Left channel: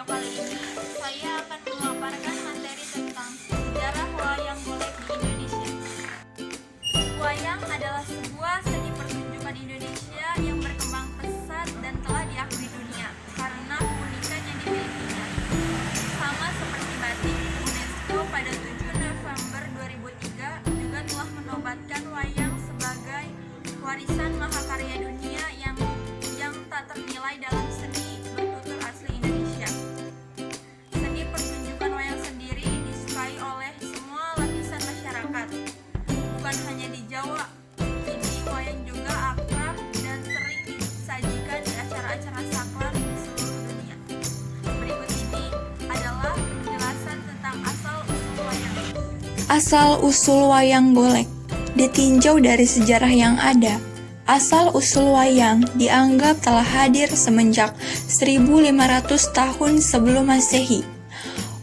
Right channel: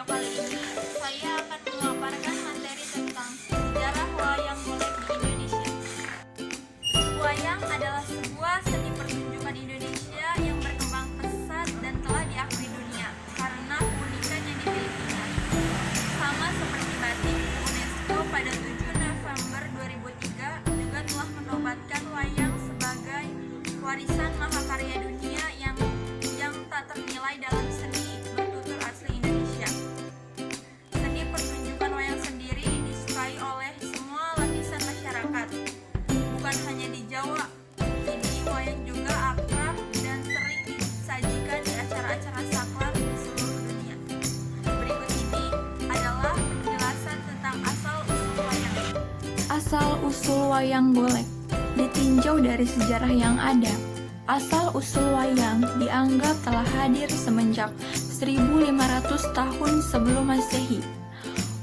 video kali ini saya akan memaparkan materi tentang sejarah wayang golek di Indonesia. Wayang adalah sebuah seni pertunjukan Indonesia yang berkembang pesat dan telah diakui dunia karena keunikan yang dimilikinya. Sama seperti batik, UNESCO pada 7 November 2003 juga telah menobatkan wayang sebagai warisan mahakarya dunia yang tak ternilai dalam seni bertutur asli Indonesia. Seni pertunjukan wayang sendiri disukai oleh semua lapisan masyarakat, bukan hanya di Jawa. Kini wayang juga akrab dan sering disajikan di acara-acara sakral di seluruh dunia. Berikut ini adalah penjelasan tentang asal-usul wayang. Asal-usul wayang golek ditinjau dari sejarah yang ada. Asal-usul wayang dianggap telah hadir semenjak 1500 tahun sebelum Masehi.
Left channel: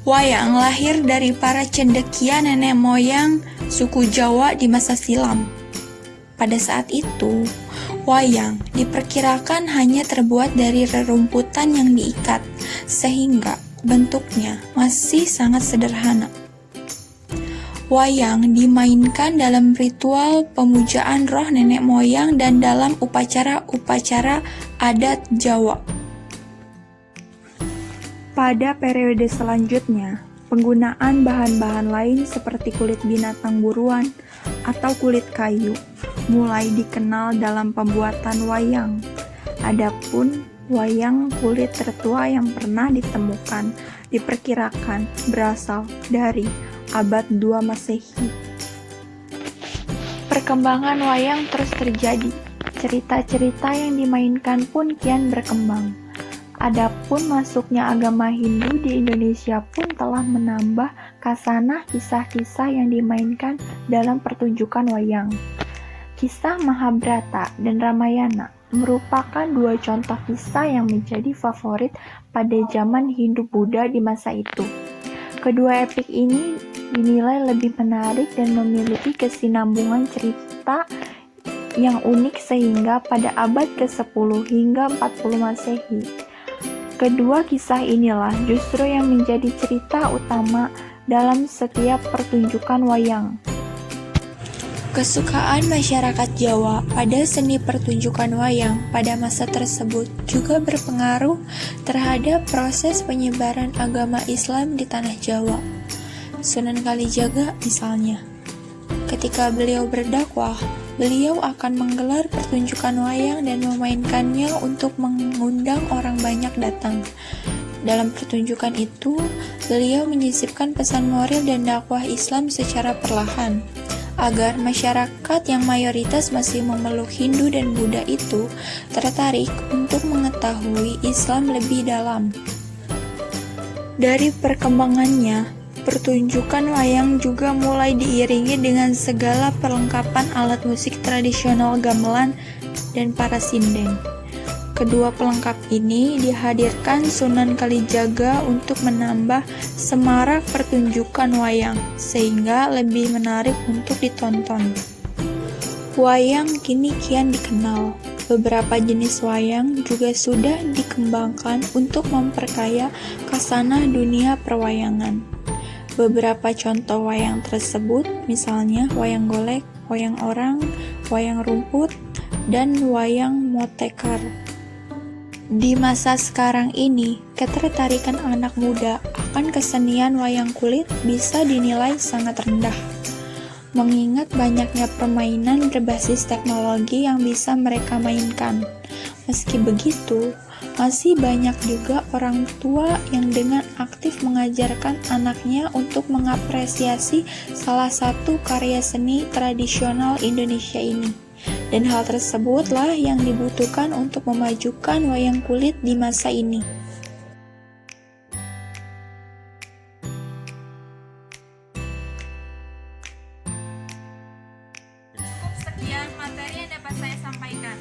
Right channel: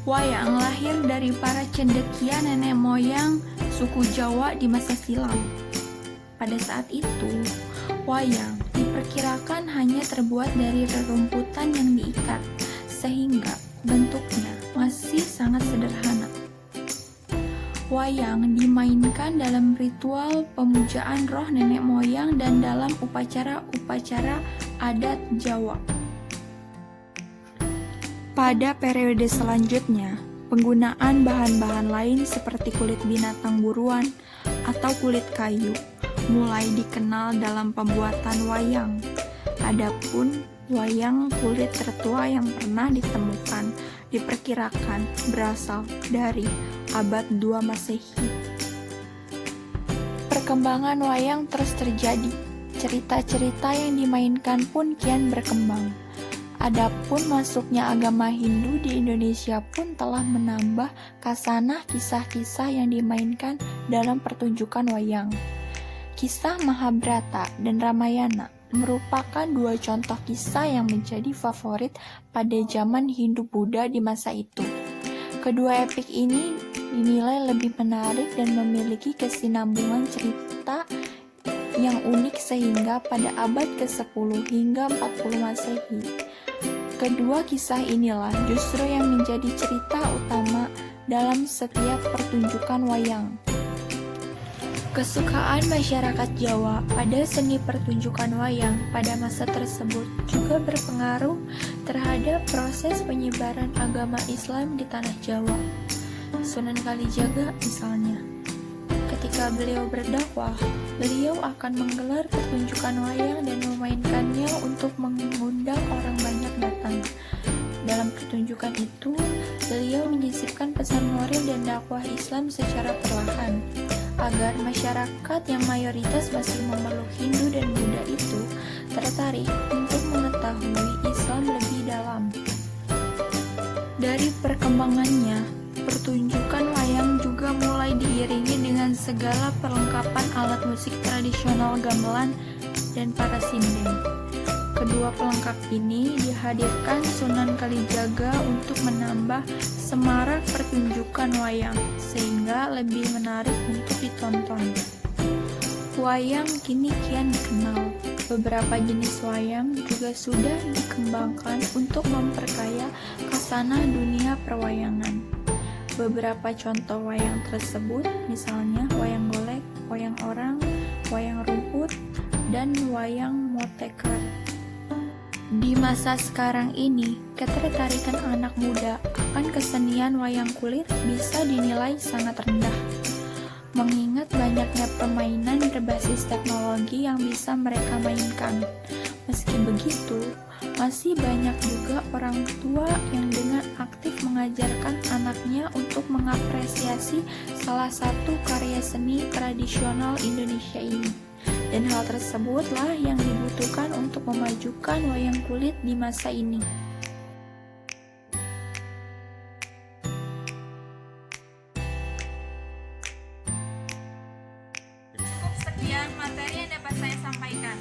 Wayang lahir dari para cendekia nenek moyang suku Jawa di masa silam. Pada saat itu, wayang diperkirakan hanya terbuat dari rerumputan yang diikat, sehingga bentuknya masih sangat sederhana. Wayang dimainkan dalam ritual pemujaan roh nenek moyang dan dalam upacara-upacara adat Jawa. Pada periode selanjutnya, penggunaan bahan-bahan lain seperti kulit binatang buruan atau kulit kayu mulai dikenal dalam pembuatan wayang. Adapun wayang kulit tertua yang pernah ditemukan diperkirakan berasal dari abad 2 Masehi. Perkembangan wayang terus terjadi. Cerita-cerita yang dimainkan pun kian berkembang. Adapun masuknya agama Hindu di Indonesia pun telah menambah khasanah kisah-kisah yang dimainkan dalam pertunjukan wayang. Kisah Mahabharata dan Ramayana merupakan dua contoh kisah yang menjadi favorit pada zaman Hindu-Buddha di masa itu. Kedua epik ini dinilai lebih menarik dan memiliki kesinambungan cerita yang unik sehingga pada abad ke-10 hingga 40 Masehi, kedua kisah inilah justru yang menjadi cerita utama dalam setiap pertunjukan wayang. Kesukaan masyarakat Jawa pada seni pertunjukan wayang pada masa tersebut juga berpengaruh terhadap proses penyebaran agama Islam di tanah Jawa. Sunan Kalijaga misalnya, ketika beliau berdakwah, beliau akan menggelar pertunjukan wayang dan memainkannya untuk mengundang orang banyak datang. Dalam pertunjukan itu, beliau menyisipkan pesan moral dan dakwah Islam secara perlahan, agar masyarakat yang mayoritas masih memeluk Hindu dan Buddha itu tertarik untuk mengetahui Islam lebih dalam. Dari perkembangannya, pertunjukan wayang juga mulai diiringi dengan segala perlengkapan alat musik tradisional gamelan dan para sinden. Kedua pelengkap ini dihadirkan Sunan Kalijaga untuk menambah semarak pertunjukan wayang, sehingga lebih menarik untuk ditonton. Wayang kini kian dikenal. Beberapa jenis wayang juga sudah dikembangkan untuk memperkaya khasanah dunia perwayangan. Beberapa contoh wayang tersebut misalnya wayang golek, wayang orang, wayang rumput, dan wayang motekar. Di masa sekarang ini, ketertarikan anak muda akan kesenian wayang kulit bisa dinilai sangat rendah, mengingat banyaknya permainan berbasis teknologi yang bisa mereka mainkan. Meski begitu, masih banyak juga orang tua yang dengan aktif mengajarkan anaknya untuk mengapresiasi salah satu karya seni tradisional Indonesia ini. Dan hal tersebutlah yang dibutuhkan untuk memajukan wayang kulit di masa ini. Cukup sekian materi yang dapat saya sampaikan.